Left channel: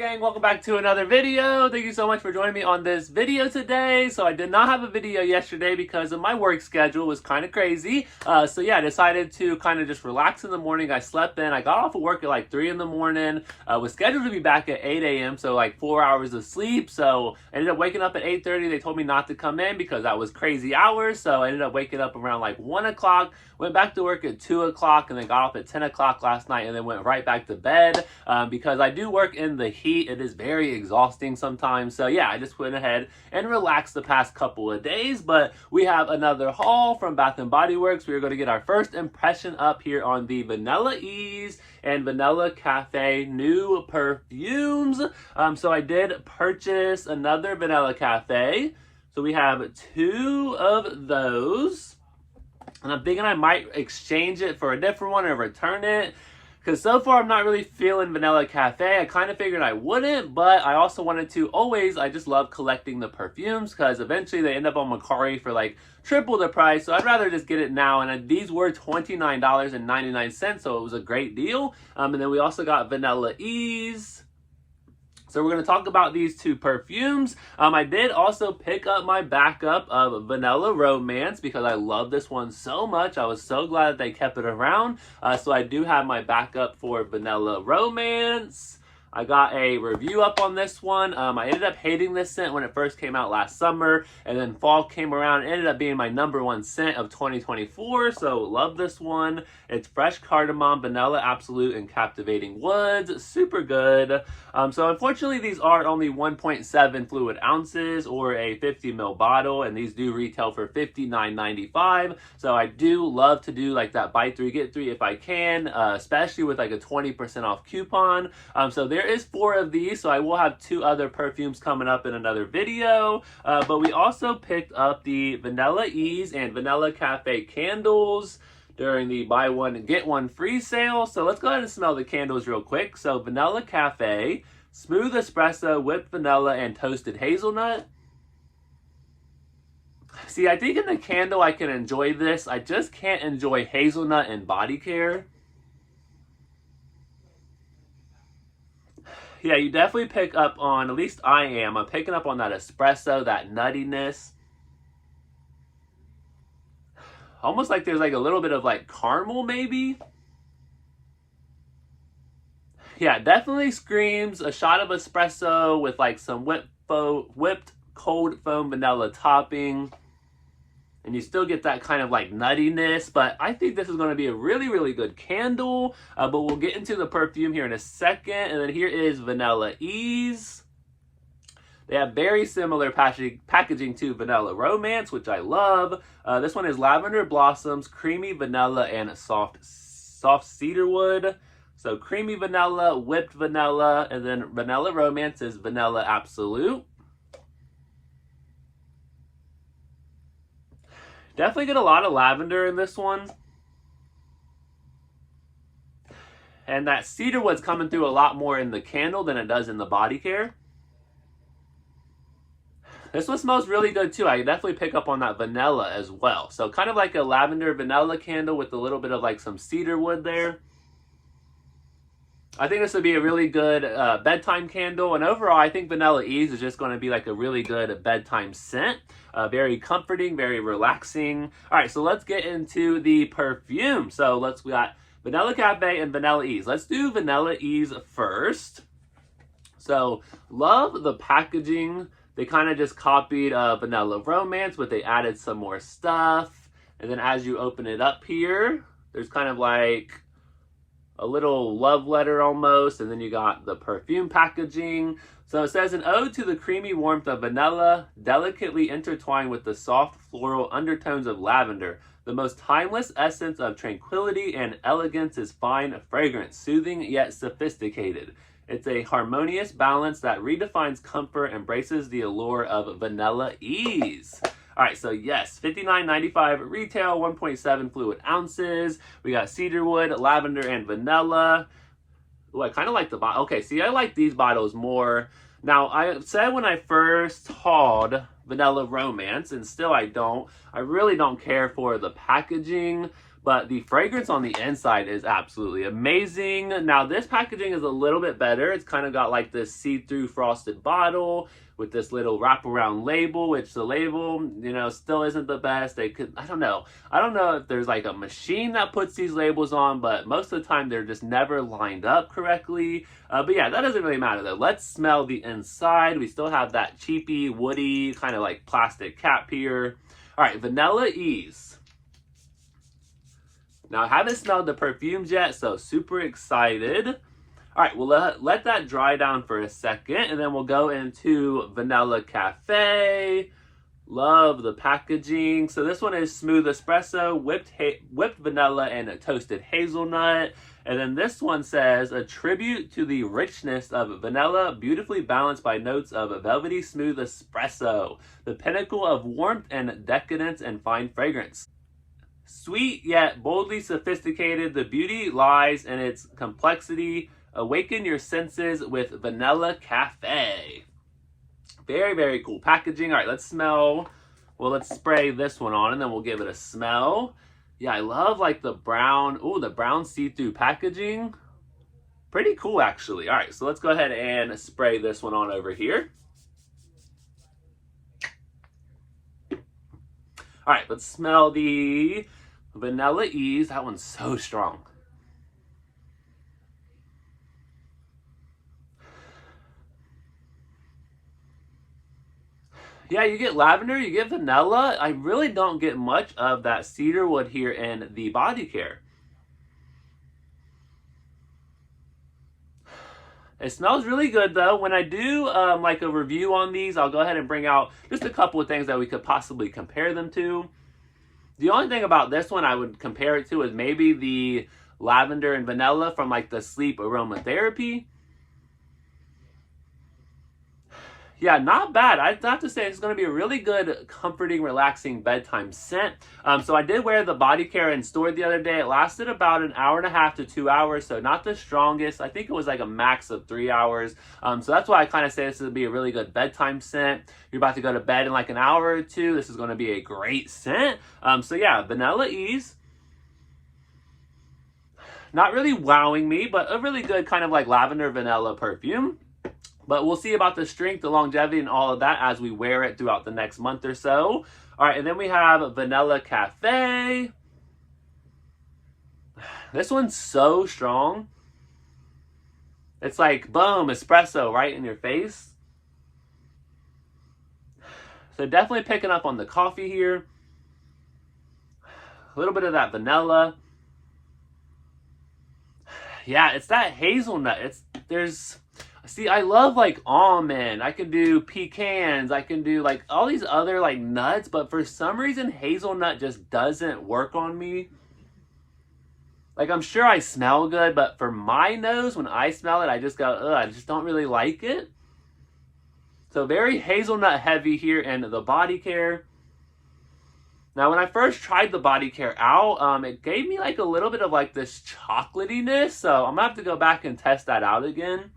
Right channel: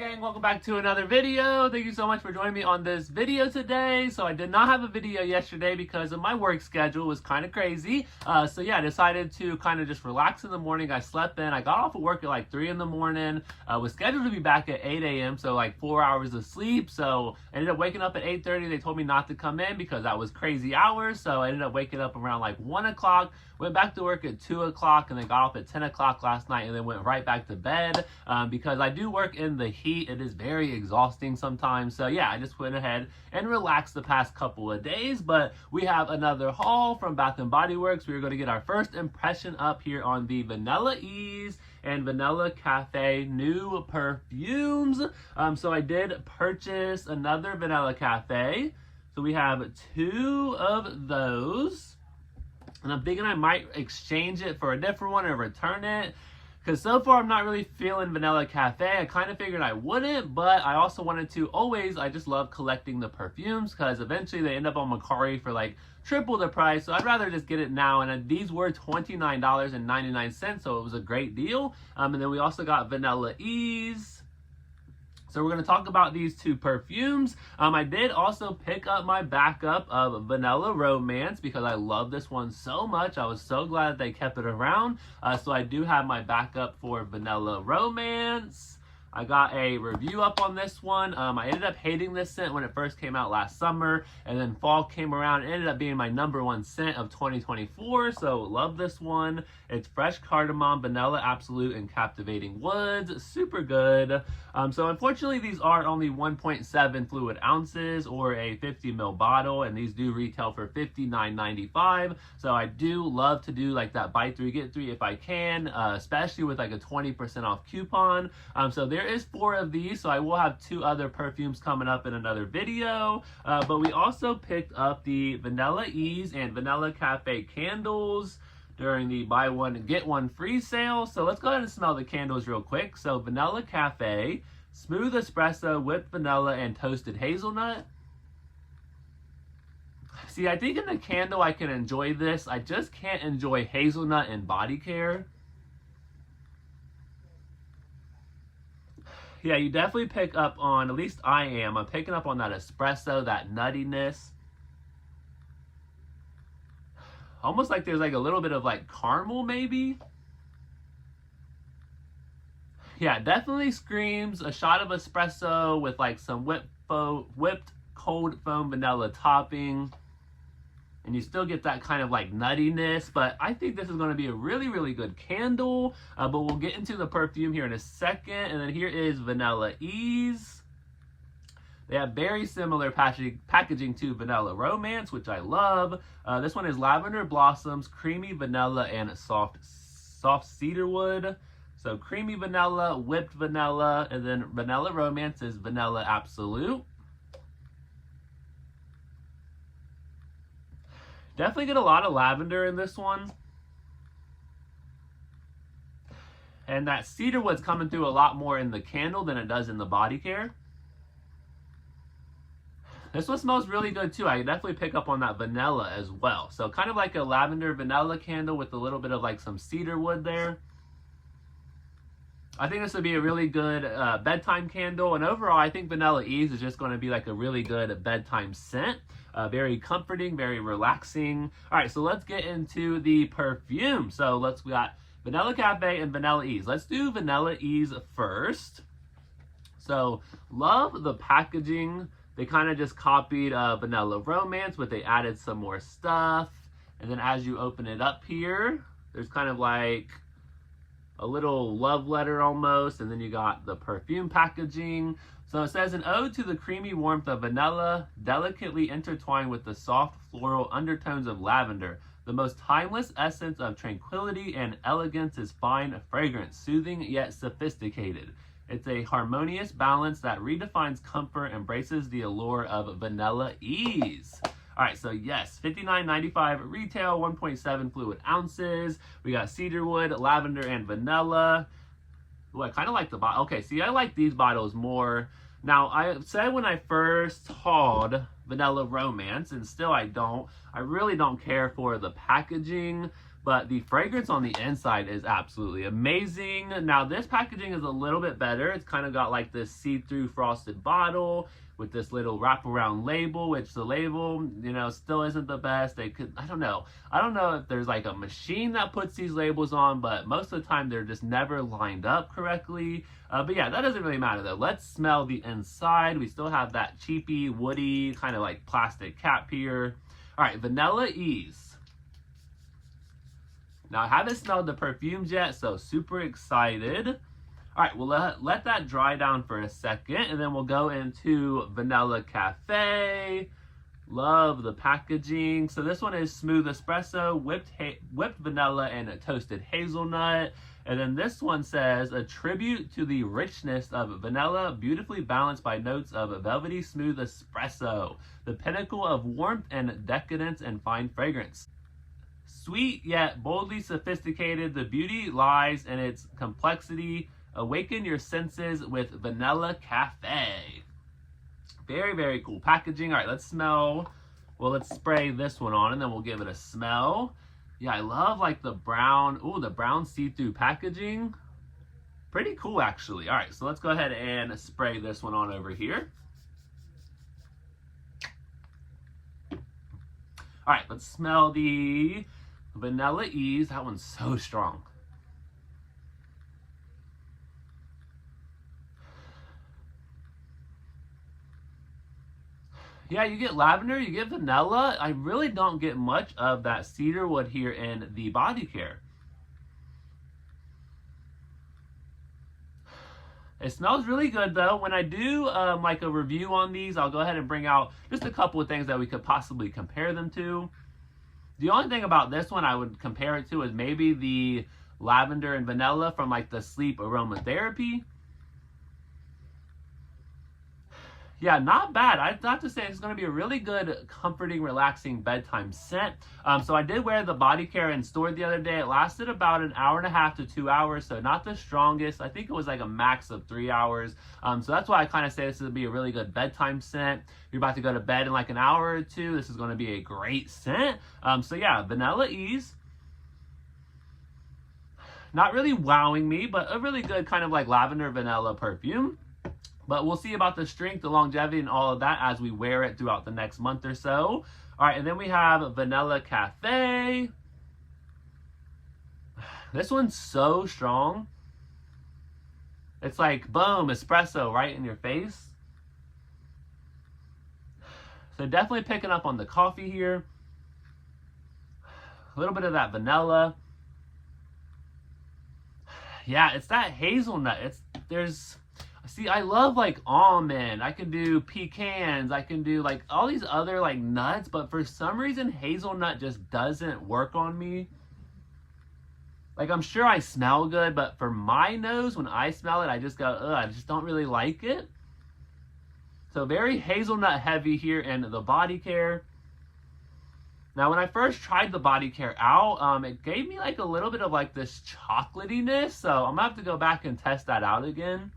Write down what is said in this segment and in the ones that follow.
gang, welcome back to another video. Thank you so much for joining me on this video today. So I did not have a video yesterday because of my work schedule was kind of crazy. So yeah, I decided to kind of just relax in the morning. I slept in. I got off of work at like 3 in the morning. Was scheduled to be back at 8 a.m. So like 4 hours of sleep. So I ended up waking up at 8:30. They told me not to come in because that was crazy hours. So I ended up waking up around like 1 o'clock. Went back to work at 2 o'clock and then got off at 10 o'clock last night and then went right back to bed because I do work in the heat. It is very exhausting sometimes. So yeah, I just went ahead and relaxed the past couple of days. But we have another haul from Bath & Body Works. We're going to get our first impression up here on the Vanilla Ease and Vanilla Cafe new perfumes. So I did purchase another Vanilla Cafe. So we have 2 of those. And I'm thinking I might exchange it for a different one or return it. Because so far I'm not really feeling Vanilla Cafe. I kind of figured I wouldn't, but I also wanted to I just love collecting the perfumes because eventually they end up on Mercari for like triple the price. So I'd rather just get it now. And these were $29.99, so it was a great deal. And then we also got Vanilla Ease. So we're going to talk about these 2 perfumes. I did also pick up my backup of Vanilla Romance because I love this one so much. I was so glad that they kept it around. So I do have my backup for Vanilla Romance. I got a review up on this one. I ended up hating this scent when it first came out last summer, and then fall came around. It ended up being my #1 scent of 2024, so love this one. It's fresh cardamom, vanilla absolute, and captivating woods. Super good. So unfortunately, these are only 1.7 fluid ounces or a 50 ml bottle, and these do retail for $59.95. So I do love to do like that buy 3 get 3 if I can, especially with like a 20% off coupon. So there is 4 of these, so I will have 2 other perfumes coming up in another video. But we also picked up the Vanilla Ease and Vanilla Cafe candles during the buy 1 get 1 free sale. So let's go ahead and smell the candles real quick. So Vanilla Cafe, smooth espresso, whipped vanilla, and toasted hazelnut. See, I think in the candle I can enjoy this. I just can't enjoy hazelnut and body care. Yeah, you definitely pick up on, at least I am, I'm picking up on that espresso, that nuttiness. Almost like there's like a little bit of like caramel maybe. Yeah, definitely screams a shot of espresso with like some whipped cold foam vanilla topping. And you still get that kind of like nuttiness, but I think this is going to be a really, really good candle. But we'll get into the perfume here in a second. And then here is Vanilla Ease. They have very similar packaging to Vanilla Romance, which I love. This one is lavender blossoms, creamy vanilla, and soft cedarwood. So creamy vanilla, whipped vanilla, and then Vanilla Romance is vanilla absolute. Definitely get a lot of lavender in this one. And that cedarwood's coming through a lot more in the candle than it does in the body care. This one smells really good too. I definitely pick up on that vanilla as well. So kind of like a lavender vanilla candle with a little bit of like some cedarwood there. I think this would be a really good bedtime candle. And overall, I think Vanilla Ease is just going to be like a really good bedtime scent. Very comforting, very relaxing. All right, so let's get into the perfume. So we got Vanilla Cafe and Vanilla Ease. Let's do Vanilla Ease first. So love the packaging. They kind of just copied Vanilla Romance, but they added some more stuff. And then as you open it up here, there's kind of like a little love letter almost. And then you got the perfume packaging. So it says, an ode to the creamy warmth of vanilla, delicately intertwined with the soft floral undertones of lavender. The most timeless essence of tranquility and elegance is fine fragrance, soothing yet sophisticated. It's a harmonious balance that redefines comfort, embraces the allure of Vanilla Ease. All right, so yes, $59.95 retail, 1.7 fluid ounces. We got cedarwood, lavender, and vanilla. Ooh, I kind of like the bottle. Okay, see, I like these bottles more. Now, I said when I first hauled vanilla romance, and still I really don't care for the packaging, but the fragrance on the inside is absolutely amazing. Now this packaging is a little bit better. It's kind of got like this see-through frosted bottle with this little wraparound label, which the label, you know, still isn't the best. I don't know if there's like a machine that puts these labels on, but most of the time they're just never lined up correctly. But yeah, that doesn't really matter though. Let's smell the inside. We still have that cheapy, woody, kind of like plastic cap here. All right, Vanilla Ease. Now I haven't smelled the perfumes yet, so super excited. All right, we'll let that dry down for a second, and then we'll go into Vanilla Cafe. Love the packaging. So this one is smooth espresso, whipped vanilla, and a toasted hazelnut. And then this one says, a tribute to the richness of vanilla, beautifully balanced by notes of velvety smooth espresso, the pinnacle of warmth and decadence and fine fragrance. Sweet yet boldly sophisticated, the beauty lies in its complexity. Awaken your senses with Vanilla Cafe. Very, very cool packaging. All right, let's smell. Well, let's spray this one on and then we'll give it a smell. Yeah, I love like the brown, the brown see-through packaging. Pretty cool, actually. All right, so let's go ahead and spray this one on over here. All right, let's smell the Vanilla Ease. That one's so strong. Yeah, you get lavender, you get vanilla. I really don't get much of that cedarwood here in the body care. It smells really good though. When I do like a review on these, I'll go ahead and bring out just a couple of things that we could possibly compare them to. The only thing about this one I would compare it to is maybe the lavender and vanilla from like the sleep aromatherapy. Yeah, not bad. I have to say it's going to be a really good, comforting, relaxing bedtime scent. So I did wear the body care in store the other day. It lasted about an hour and a half to 2 hours, so not the strongest. I think it was like a max of 3 hours. So that's why I kind of say this would be a really good bedtime scent. You're about to go to bed in like an hour or two. This is going to be a great scent. So yeah, Vanilla Ease. Not really wowing me, but a really good kind of like lavender vanilla perfume. But we'll see about the strength, the longevity, and all of that as we wear it throughout the next month or so. All right, and then we have Vanilla Cafe. This one's so strong. It's like, boom, espresso right in your face. So definitely picking up on the coffee here. A little bit of that vanilla. Yeah, it's that hazelnut. See, I love like almond, I can do pecans, I can do like all these other like nuts, but for some reason hazelnut just doesn't work on me. Like I'm sure I smell good, but for my nose, when I smell it, I just go, ugh, I just don't really like it. So very hazelnut heavy here in the body care. Now, when I first tried the body care out, it gave me like a little bit of like this chocolatiness, so I'm gonna have to go back and test that out again.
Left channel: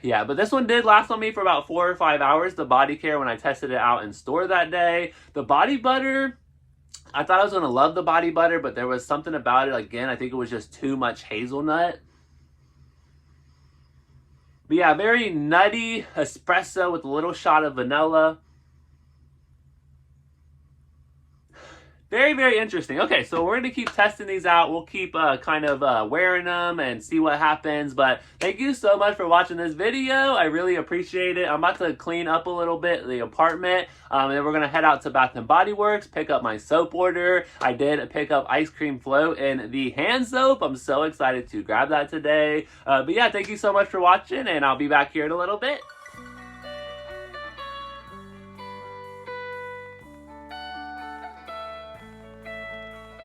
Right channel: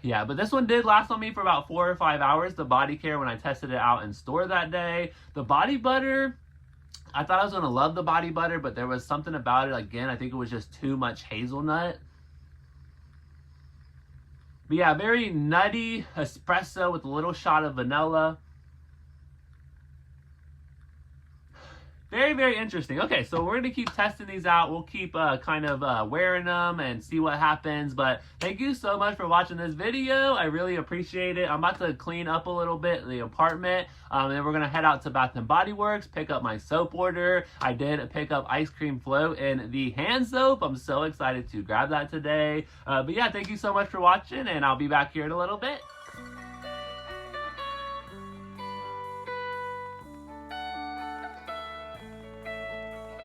Yeah, but this one did last on me for about 4 or 5 hours, the body care, when I tested it out in store that day. The body butter, I thought I was going to love the body butter, but there was something about it, again, I think it was just too much hazelnut. But yeah, very nutty espresso with a little shot of vanilla. Very, very interesting. Okay, so we're going to keep testing these out. We'll keep kind of wearing them and see what happens. But thank you so much for watching this video. I really appreciate it. I'm about to clean up a little bit the apartment. And then we're going to head out to Bath & Body Works, pick up my soap order. I did pick up Ice Cream Float in the hand soap. I'm so excited to grab that today. But yeah, thank you so much for watching, and I'll be back here in a little bit.